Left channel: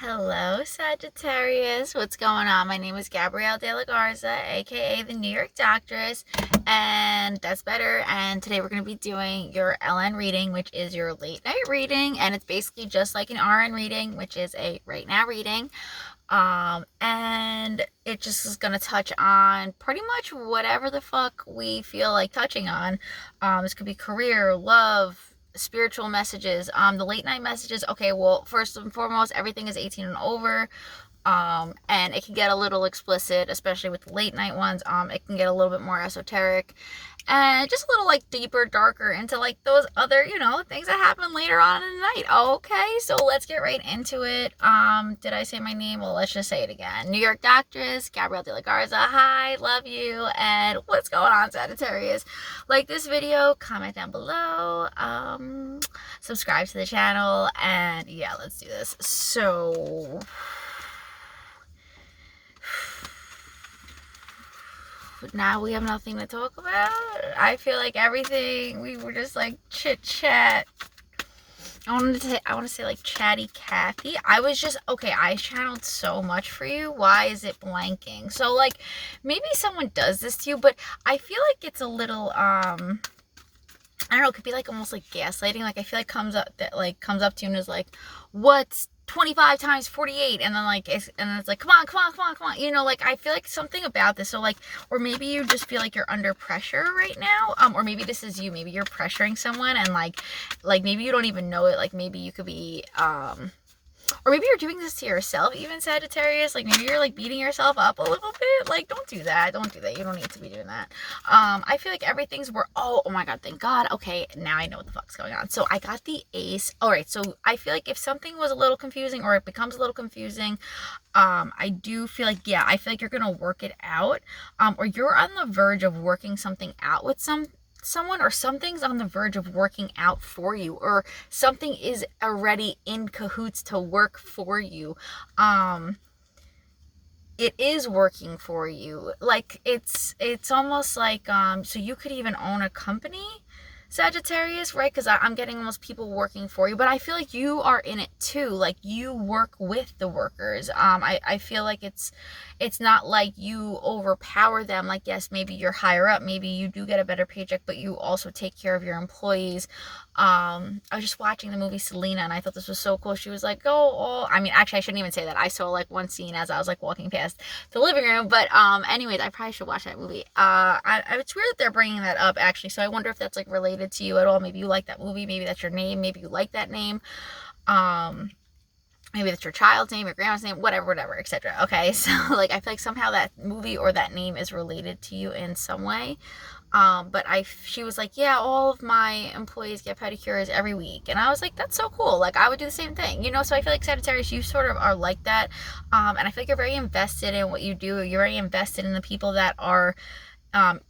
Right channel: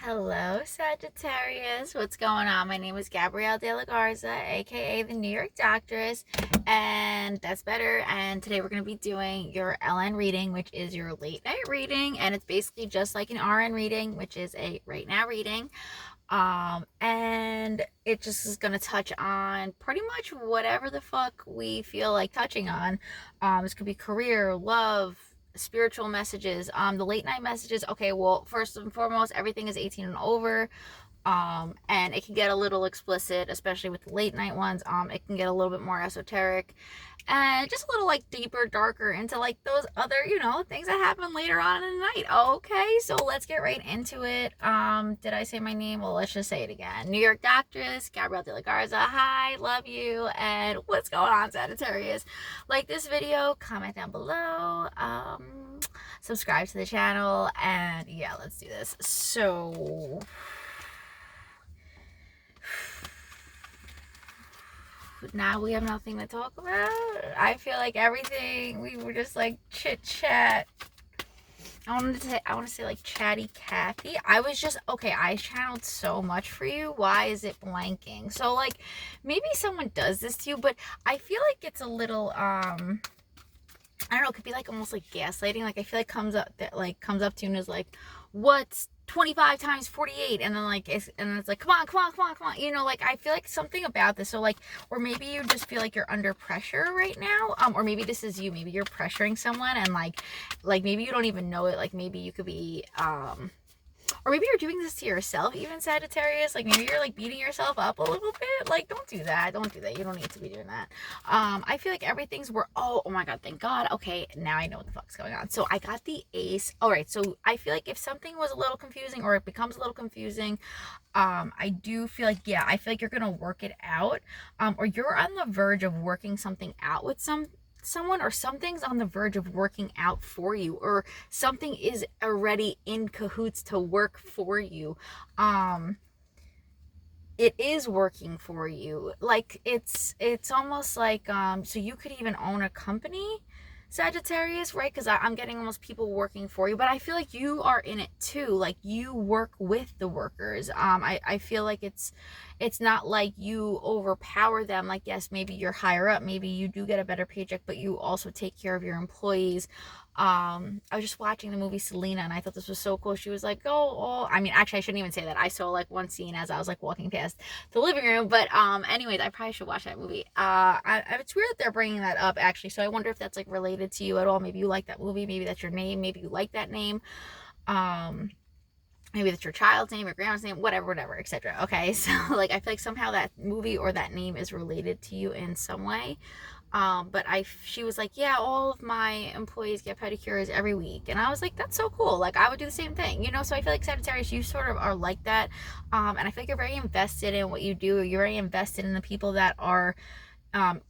Hello, Sagittarius. What's going on? My name is Gabrielle De La Garza, aka the New York Doctress, and that's better. And today we're going to be doing your LN reading, which is your late night reading, and it's basically just like an RN reading, which is a right now reading. And it just is gonna touch on pretty much whatever the fuck we feel like touching on. This could be career, love, spiritual messages, the late night messages. Okay, well, first and foremost, everything is 18 and over. And it can get a little explicit, especially with the late night ones. It can get a little bit more esoteric and just a little like deeper, darker into like those other, things that happen later on in the night. Okay, so let's get right into it. Did I say my name? Well, let's just say it again. New York Doctress, Gabrielle De La Garza. Hi, love you. And what's going on, Sagittarius? Like this video, comment down below, subscribe to the channel, and yeah, let's do this. So now we have nothing to talk about. I feel like everything we were just like chit chat. I want to say like chatty Cathy. I was just okay. I channeled so much for you. Why is it blanking? So like maybe someone does this to you, but I feel like it's a little I don't know, it could be like almost like gaslighting. Like I feel like comes up to you and is like, what's 25 times 48? And then it's like, come on. Like I feel like something about this. So like, or maybe you just feel like you're under pressure right now. Or maybe this is you. Maybe you're pressuring someone and like maybe you don't even know it. Like maybe you could be or maybe you're doing this to yourself, even Sagittarius. Like maybe you're like beating yourself up a little bit. Like don't do that. You don't need to be doing that. I feel like everything's oh my god, thank god. Okay, now I know what the fuck's going on. So I got the ace. All right, so I feel like if something was a little confusing or it becomes a little confusing, I do feel like, yeah, I feel like you're gonna work it out, or you're on the verge of working something out with someone, or something's on the verge of working out for you, or something is already in cahoots to work for you. It is working for you. Like it's almost like so you could even own a company, Sagittarius, right? Because I'm getting almost people working for you, but I feel like you are in it too. Like you work with the workers. I feel like it's not like you overpower them. Like yes, maybe you're higher up, maybe you do get a better paycheck, but you also take care of your employees. I was just watching the movie Selena, and I thought this was so cool. She was like, oh, I mean, actually, I shouldn't even say that. I saw like one scene as I was like walking past the living room, but anyways, I probably should watch that movie. It's weird that they're bringing that up actually, so I wonder if that's like related to you at all. Maybe you like that movie, maybe that's your name, maybe you like that name. Maybe that's your child's name, your grandma's name, whatever, etc. Okay, so like I feel like somehow that movie or that name is related to you in some way. But she was like, yeah, all of my employees get pedicures every week, and I was like, that's so cool. Like I would do the same thing, So I feel like Sagittarius, you sort of are like that, and I feel like you're very invested in what you do. You're very invested in the people that are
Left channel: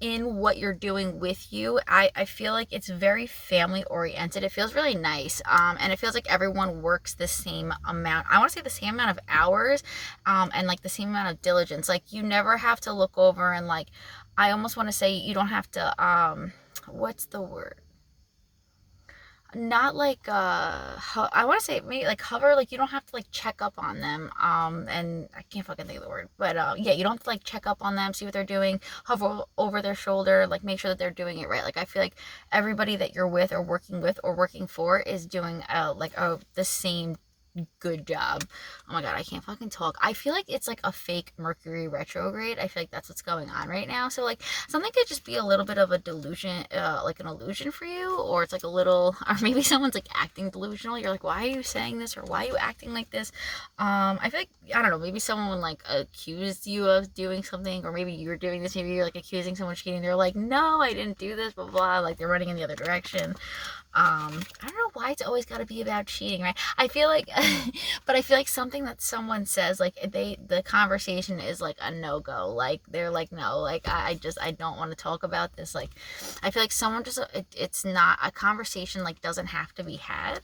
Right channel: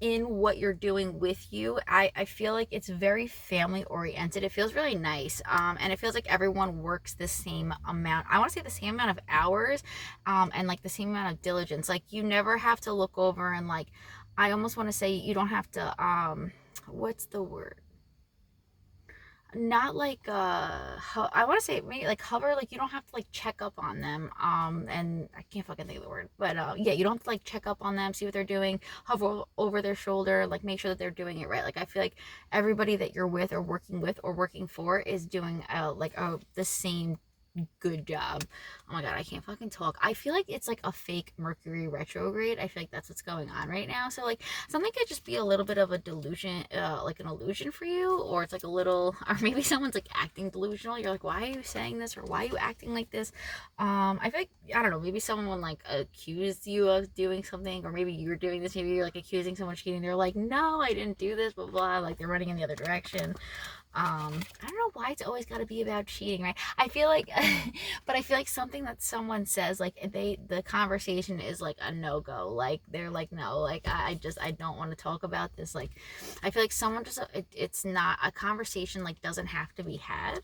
in what you're doing with you. I feel like it's very family oriented. It feels really nice. And it feels like everyone works the same amount. I want to say the same amount of hours, and like the same amount of diligence. Like you never have to look over and like, I almost want to say you don't have to, what's the word? Not like I want to say maybe like hover, like you don't have to like check up on them, and I can't fucking think of the word, but yeah, you don't have to like check up on them, see what they're doing, hover over their shoulder, like make sure that they're doing it right. Like I feel like everybody that you're with or working for is doing the same good job. Oh my god, I can't fucking talk. I feel like it's like a fake Mercury retrograde. I feel like that's what's going on right now. So like something could just be a little bit of a delusion, like an illusion for you, or it's like a little, or maybe someone's like acting delusional. You're like, why are you saying this, or why are you acting like this? I feel like, I don't know, maybe someone like accused you of doing something, or maybe you're doing this, maybe you're like accusing someone of cheating. They're like, no, I didn't do this, blah blah, like they're running in the other direction. I don't know why it's always got to be about cheating, right? I feel like but I feel like something that someone says, like the conversation is like a no-go. Like they're like, no, like I don't want to talk about this. Like I feel like someone just it's not a conversation, like doesn't have to be had.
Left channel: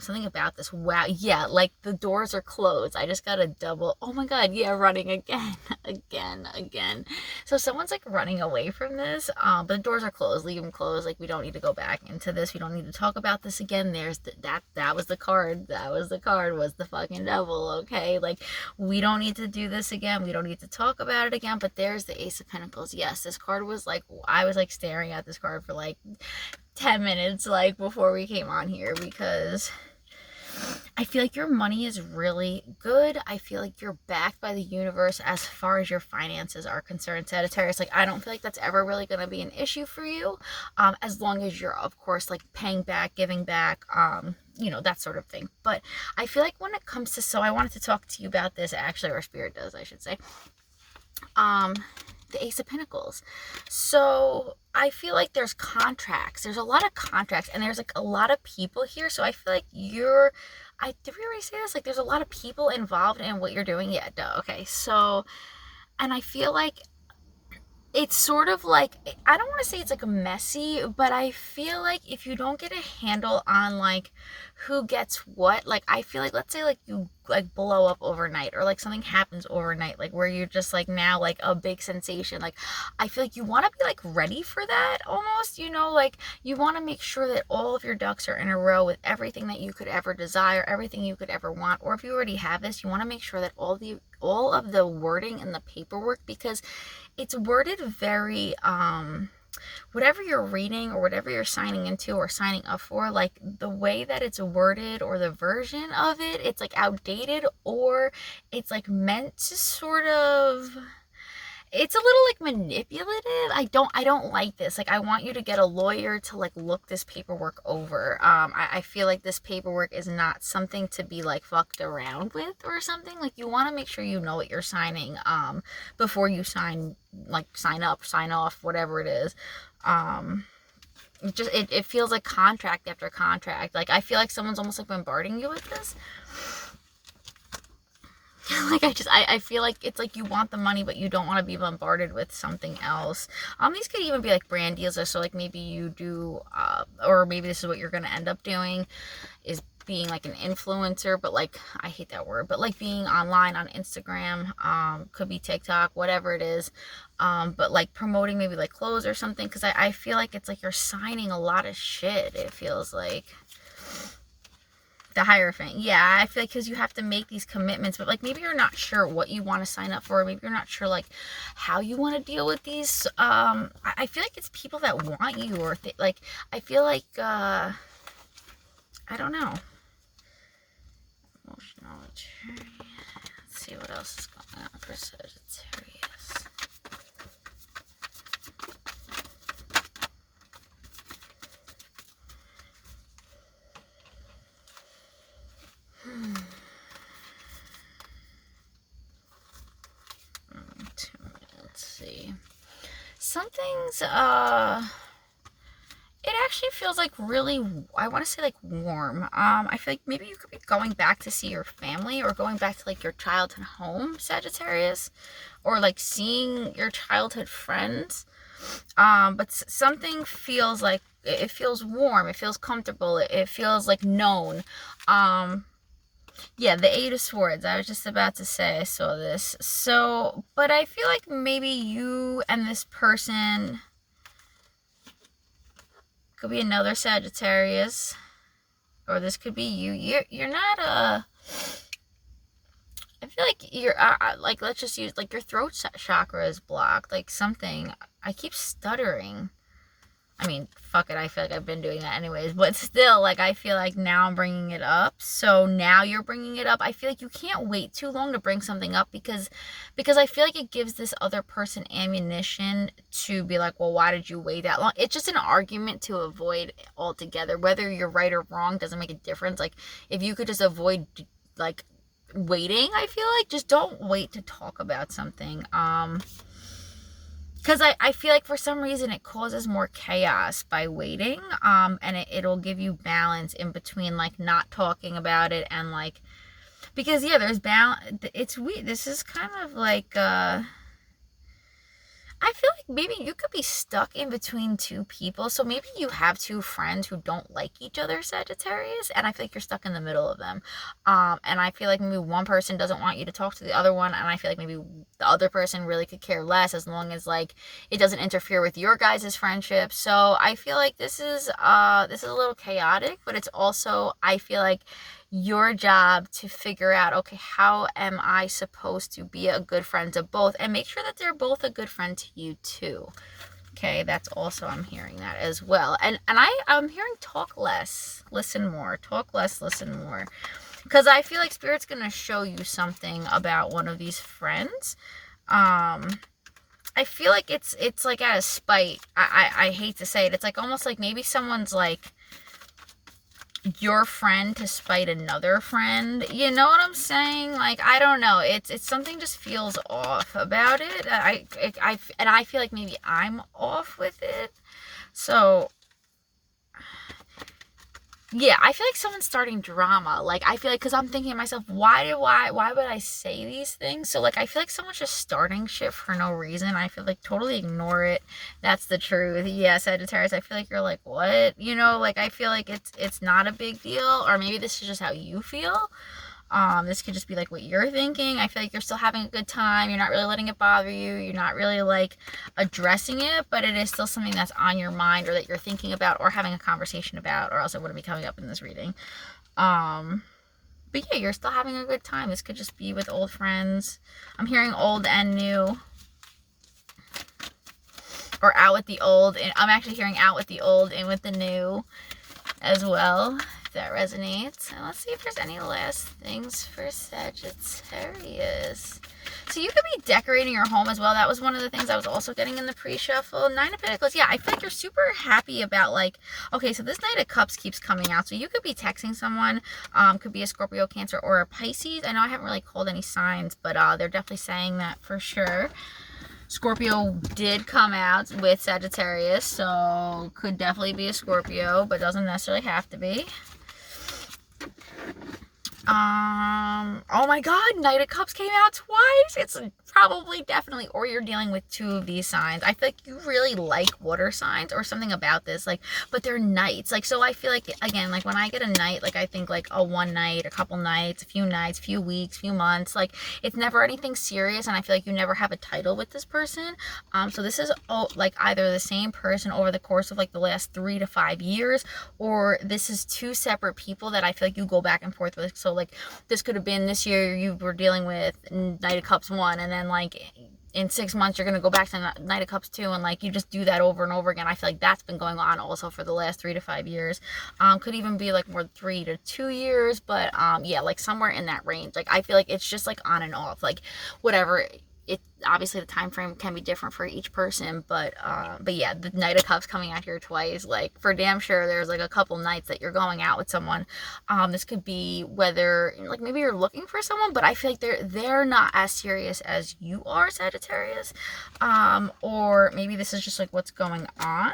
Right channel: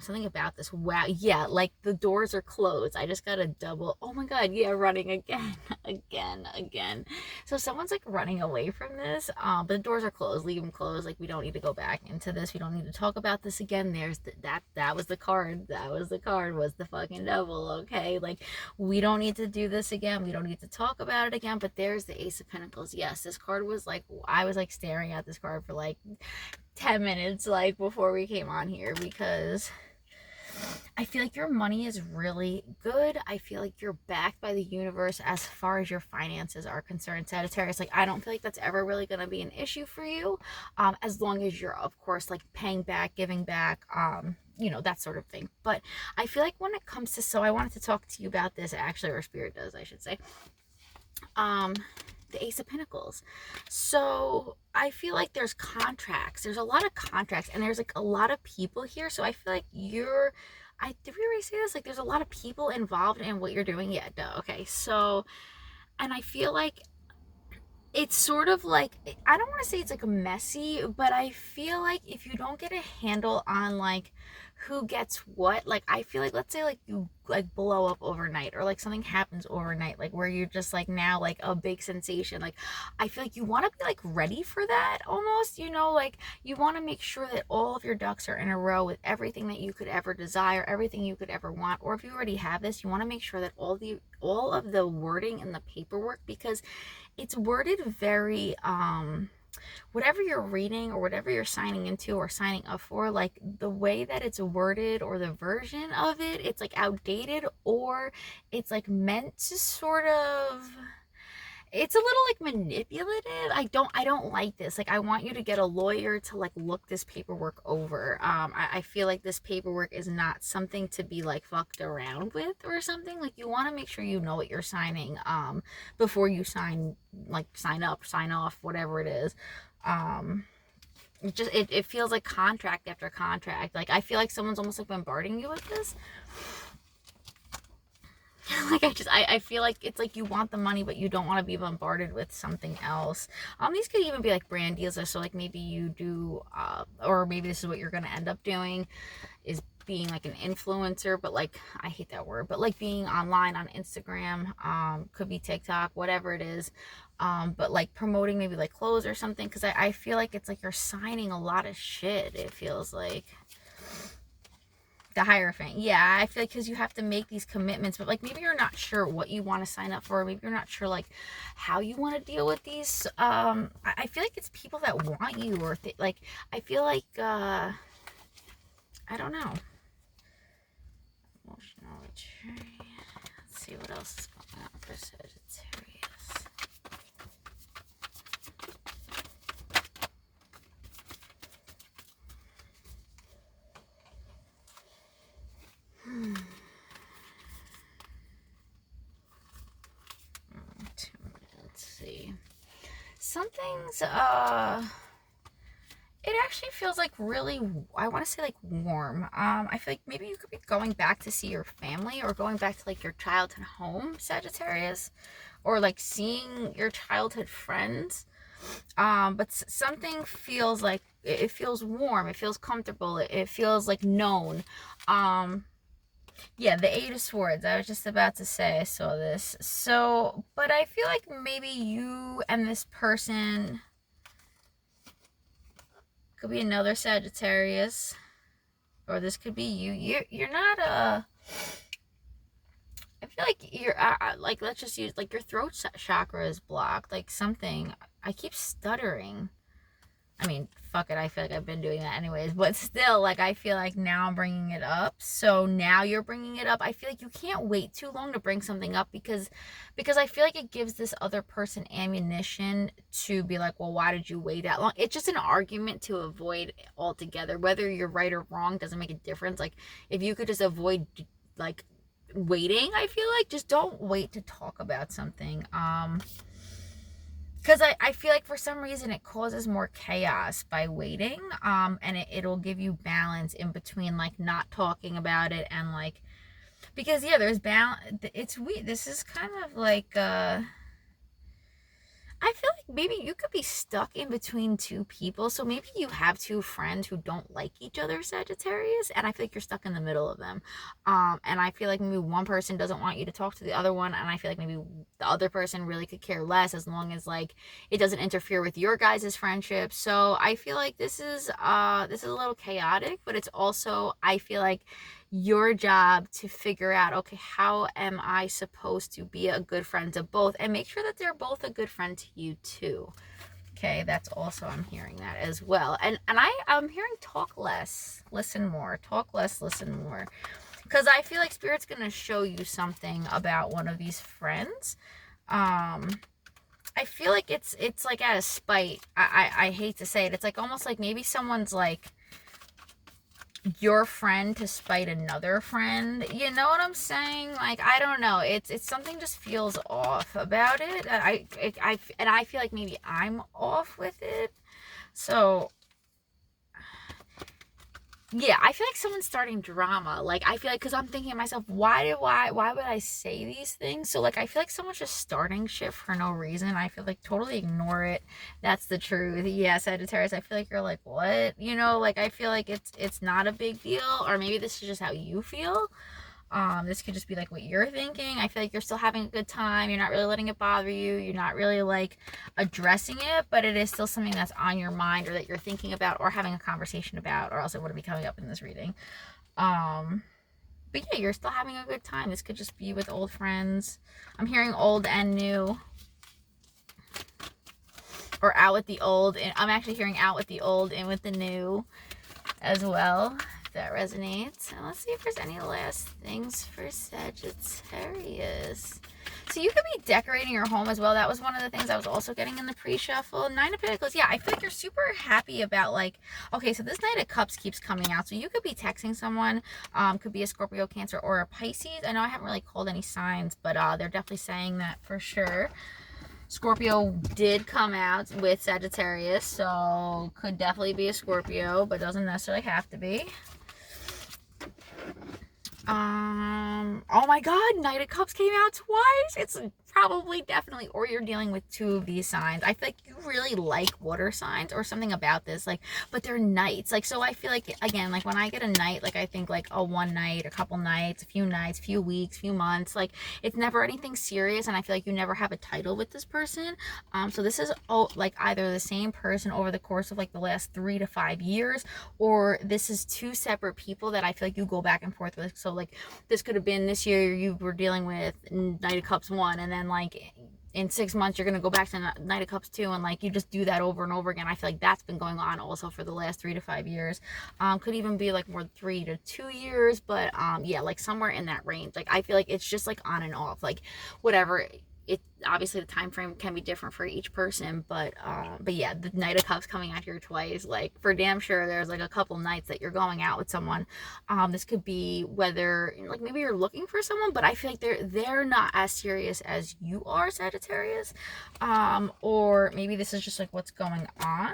something about this. Wow. Yeah, like the doors are closed. I just got a double. Oh my God. Yeah, running again. Again. So someone's like running away from this. But the doors are closed. Leave them closed. Like, we don't need to go back into this. We don't need to talk about this again. There's that was the card. That was the card, was the fucking devil. Okay. Like, we don't need to do this again. We don't need to talk about it again. But there's the Ace of Pentacles. Yes, this card was like, I was like staring at this card for like 10 minutes like before we came on here, because I feel like your money is really good. I feel like you're backed by the universe as far as your finances are concerned, Sagittarius. Like, I don't feel like that's ever really going to be an issue for you, as long as you're, of course, like paying back, giving back, you know, that sort of thing. But I feel like when it comes to, so I wanted to talk to you about this actually, or Spirit does, I should say. The Ace of Pentacles. So I feel like there's contracts. There's a lot of contracts, and there's like a lot of people here. So I feel like did we already say this? Like, there's a lot of people involved in what you're doing. Yeah, duh. Okay. So, and I feel like it's sort of like, I don't want to say it's like messy, but I feel like if you don't get a handle on like who gets what, like, I feel like, let's say like you like blow up overnight, or like something happens overnight, like where you're just like now like a big sensation, like I feel like you want to be like ready for that almost, you know, like you want to make sure that all of your ducks are in a row with everything that you could ever desire, everything you could ever want. Or if you already have this, you want to make sure that all of the wording and the paperwork, because it's worded very, whatever you're reading or whatever you're signing into or signing up for, like the way that it's worded or the version of it, it's like outdated, or it's like meant to sort of, it's a little like manipulative. I don't like this. Like, I want you to get a lawyer to like look this paperwork over. I feel like this paperwork is not something to be like fucked around with or something. Like, you want to make sure you know what you're signing before you sign up, sign off, whatever it is. It feels like contract after contract. Like, I feel like someone's almost like bombarding you with this. Like, I feel like it's like you want the money, but you don't want to be bombarded with something else. These could even be like brand deals, or so like maybe you do, or maybe this is what you're going to end up doing, is being like an influencer, but like, I hate that word, but like being online on Instagram, could be TikTok, whatever it is, but like promoting maybe like clothes or something, because I feel like it's like you're signing a lot of shit, it feels like. The Hierophant. Yeah, I feel like because you have to make these commitments, but like maybe you're not sure what you want to sign up for. Maybe you're not sure like how you want to deal with these. I feel like it's people that want you, or like, I feel like, I don't know. Emotional maturity. Let's see what else is going on for Sagittarius. Let's see. Something's it actually feels like really, I want to say like warm. I feel like maybe you could be going back to see your family, or going back to like your childhood home, Sagittarius, or like seeing your childhood friends. But something feels like, it feels warm, it feels comfortable, it feels like known. Yeah, the Eight of Swords. I was just about to say, I saw this. So, but I feel like maybe you and this person could be another Sagittarius, or this could be you. You're not I feel like you're like, let's just use like your throat chakra is blocked, like something. I keep stuttering. I mean, fuck it, I feel like I've been doing that anyways, but still, like, I feel like now I'm bringing it up, so now you're bringing it up. I feel like you can't wait too long to bring something up, because I feel like it gives this other person ammunition to be like, well, why did you wait that long? It's just an argument to avoid altogether. Whether you're right or wrong doesn't make a difference. Like, if you could just avoid, like, waiting, I feel like, just don't wait to talk about something. Because I feel like for some reason it causes more chaos by waiting, and it'll give you balance in between like not talking about it and like, because yeah, there's balance. It's weird. This is kind of like I feel like maybe you could be stuck in between two people. So maybe you have two friends who don't like each other, Sagittarius, and I feel like you're stuck in the middle of them. And I feel like maybe one person doesn't want you to talk to the other one, and I feel like maybe the other person really could care less as long as like it doesn't interfere with your guys' friendship. So I feel like this is a little chaotic, but it's also, I feel like, your job to figure out, okay, how am I supposed to be a good friend to both, and make sure that they're both a good friend to you too. Okay, that's also, I'm hearing that as well. And I'm hearing talk less, listen more. Talk less, listen more. Because I feel like Spirit's going to show you something about one of these friends. I feel like it's like out of spite. I hate to say it. It's like almost like maybe someone's like your friend to spite another friend. You know what I'm saying? Like, I don't know. It's something just feels off about it. I feel like maybe I'm off with it. So yeah, I feel like someone's starting drama. Like, I feel like, because I'm thinking to myself, why would I say these things? So, like, I feel like someone's just starting shit for no reason. I feel like totally ignore it. That's the truth. Yeah, Sagittarius, I feel like you're like, what? You know, like, I feel like it's not a big deal. Or maybe this is just how you feel. This could just be like what you're thinking. I feel like you're still having a good time. You're not really letting it bother you. You're not really like addressing it, but it is still something that's on your mind, or that you're thinking about, or having a conversation about, or else it wouldn't be coming up in this reading. But yeah, you're still having a good time. This could just be with old friends. I'm hearing old and new, or out with the old, and I'm actually hearing out with the old and with the new as well. That resonates. And let's see if there's any last things for Sagittarius. So you could be decorating your home as well. That was one of the things I was also getting in the pre-shuffle. Nine of Pentacles. Yeah, I feel like you're super happy about, like, okay, so this Knight of Cups keeps coming out. So you could be texting someone. Could be a Scorpio, Cancer, or a Pisces. I know I haven't really called any signs, but they're definitely saying that for sure. Scorpio did come out with Sagittarius, so could definitely be a Scorpio, but doesn't necessarily have to be. Oh my god, Knight of Cups came out twice. It's probably, definitely, or you're dealing with two of these signs. I feel like you really like water signs, or something about this, like, but they're knights. Like, so I feel like, again, like when I get a night, like I think like a one night, a couple nights, a few nights, few weeks, few months. Like, it's never anything serious, and I feel like you never have a title with this person. So this is like either the same person over the course of like the last 3 to 5 years, or this is two separate people that I feel like you go back and forth with. So like this could have been this year you were dealing with Knight of Cups 1, and then like in 6 months you're gonna go back to Knight of Cups 2, and like you just do that over and over again. I feel like that's been going on also for the last 3 to 5 years. Could even be like more 3 to 2 years, but yeah, like somewhere in that range. Like I feel like it's just like on and off, like whatever. It obviously the time frame can be different for each person, but yeah, the Knight of Cups coming out here twice, like for damn sure there's like a couple nights that you're going out with someone. This could be whether like maybe you're looking for someone, but I feel like they're not as serious as you are, Sagittarius. Or maybe this is just like what's going on.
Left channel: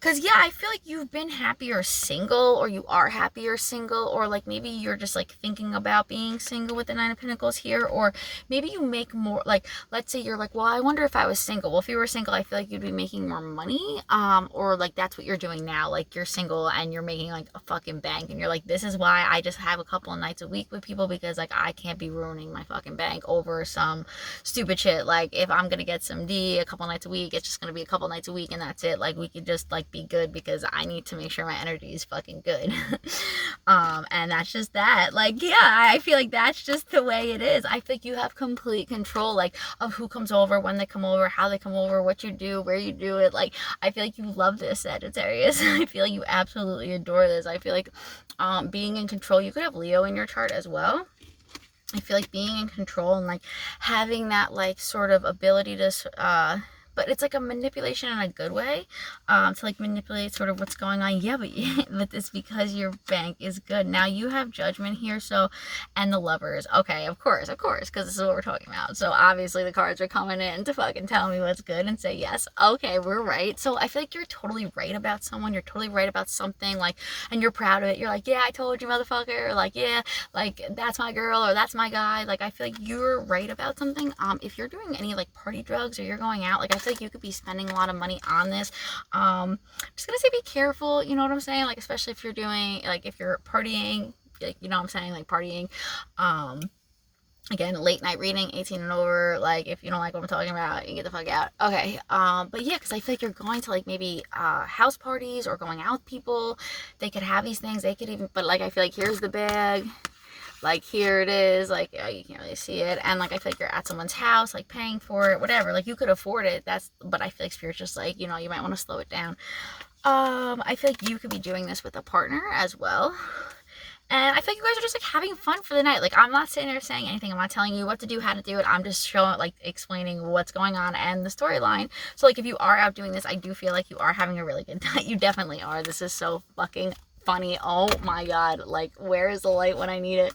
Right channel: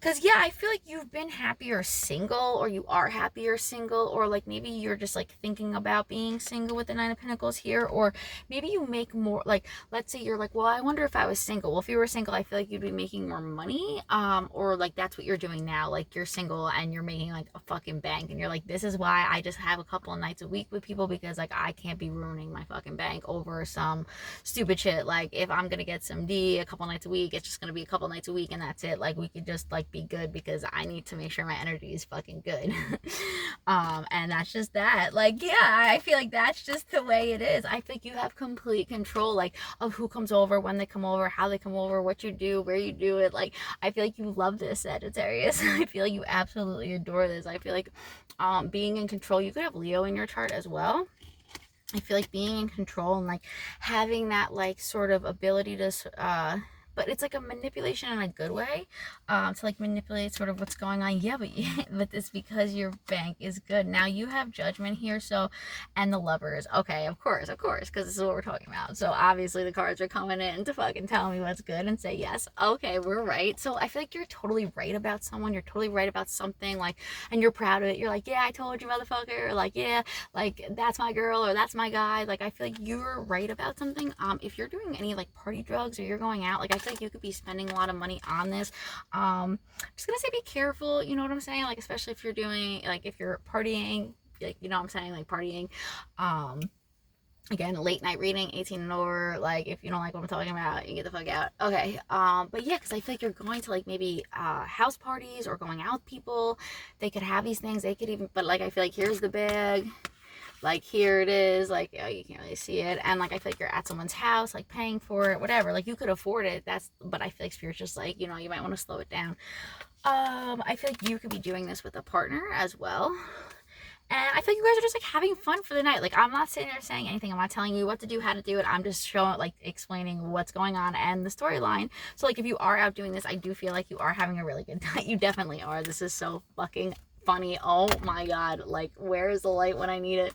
Because, yeah, I feel like you've been happier single, or you are happier single, or like maybe you're just like thinking about being single with the Nine of Pentacles here, or maybe you make more, like, let's say you're like, well, I wonder if I was single. Well, if you were single, I feel like you'd be making more money, or like that's what you're doing now. Like you're single and you're making like a fucking bank, and you're like, this is why I just have a couple of nights a week with people, because like I can't be ruining my fucking bank over some stupid shit. Like if I'm gonna get some D a couple nights a week, it's just gonna be a couple nights a week, and that's it. Like we could just like be good, because I need to make sure my energy is fucking good. And that's just that. Like, yeah, I feel like that's just the way it is. I think you have complete control, like, of who comes over, when they come over, how they come over, what you do, where you do it. Like, I feel like you love this, Sagittarius. I feel like you absolutely adore this. I feel like being in control. You could have Leo in your chart as well. I feel like being in control and like having that like sort of ability to but it's like a manipulation in a good way, to like manipulate sort of what's going on. Yeah, but it's because your bank is good. Now you have Judgment here, so, and the Lovers. Okay, of course, because this is what we're talking about. So obviously the cards are coming in to fucking tell me what's good and say, yes, okay, we're right. So I feel like you're totally right about someone. You're totally right about something, like, and you're proud of it. You're like, yeah, I told you, motherfucker. Or like, yeah, like, that's my girl, or that's my guy. Like, I feel like you're right about something. If you're doing any like party drugs, or you're going out, like, I feel like you could be spending a lot of money on this. I'm just gonna say be careful, you know what I'm saying? Like, especially if you're doing, like, if you're partying, like, you know what I'm saying, like partying. Again, late night reading, 18 and over. Like, if you don't like what I'm talking about, you get the fuck out. Okay. But yeah, because I feel like you're going to like maybe house parties or going out with people. They could have these things. They could even, but like, I feel like here's the bag. Like, here it is. Like, oh, you can't really see it. And like, I feel like you're at someone's house, like paying for it, whatever. Like, you could afford it. But I feel like Spirit's just like, you know, you might want to slow it down. I feel like you could be doing this with a partner as well. And I feel like you guys are just like having fun for the night. Like, I'm not sitting there saying anything. I'm not telling you what to do, how to do it. I'm just showing, like, explaining what's going on and the storyline. So like, if you are out doing this, I do feel like you are having a really good time. You definitely are. This is so fucking funny. Oh my god. Like, where is the light when I need it?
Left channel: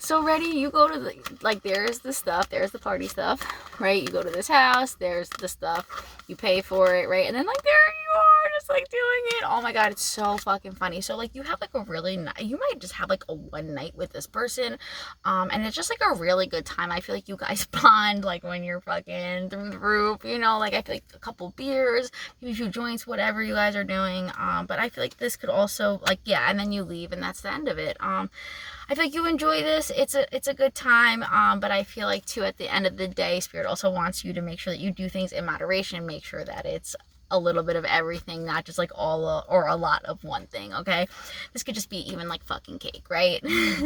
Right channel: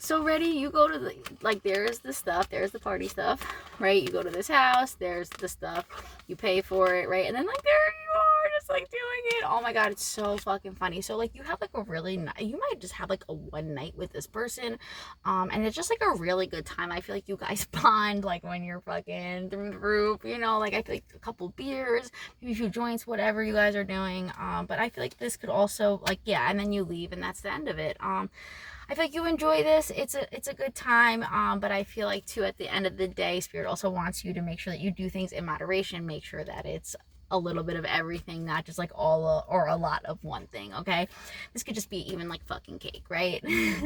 So ready, you go to the, like, there's the stuff, there's the party stuff, right? You go to this house, there's the stuff, you pay for it, right? And then like, there you are, just like doing it. Oh my god, it's so fucking funny. So like, you have like a really you might just have like a one night with this person, and it's just like a really good time. I feel like you guys bond, like, when you're fucking through the roof, you know, like, I feel like a couple beers, maybe a few joints, whatever you guys are doing. But I feel like this could also, like, yeah, and then you leave and that's the end of it. I feel like you enjoy this. It's a good time. But I feel like too, at the end of the day, Spirit also wants you to make sure that you do things in moderation. Make sure that it's a little bit of everything, not just like all or a lot of one thing. Okay, this could just be even like fucking cake, right?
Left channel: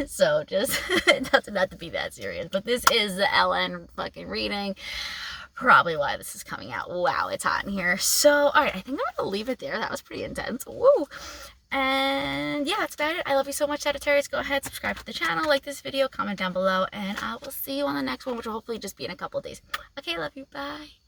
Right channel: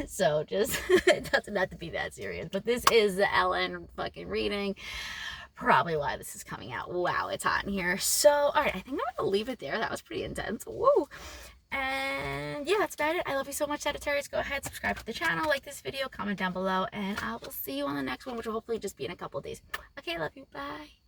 So just, it doesn't have to be that serious. But this is the LN fucking reading. Probably why this is coming out. Wow, it's hot in here. So all right, I think I'm gonna leave it there. That was pretty intense. Woo. And yeah, that's about it. I love you so much, Sagittarius. Go ahead, subscribe to the channel, like this video, comment down below, and I will see you on the next one, which will hopefully just be in a couple of days. Okay, love you. Bye.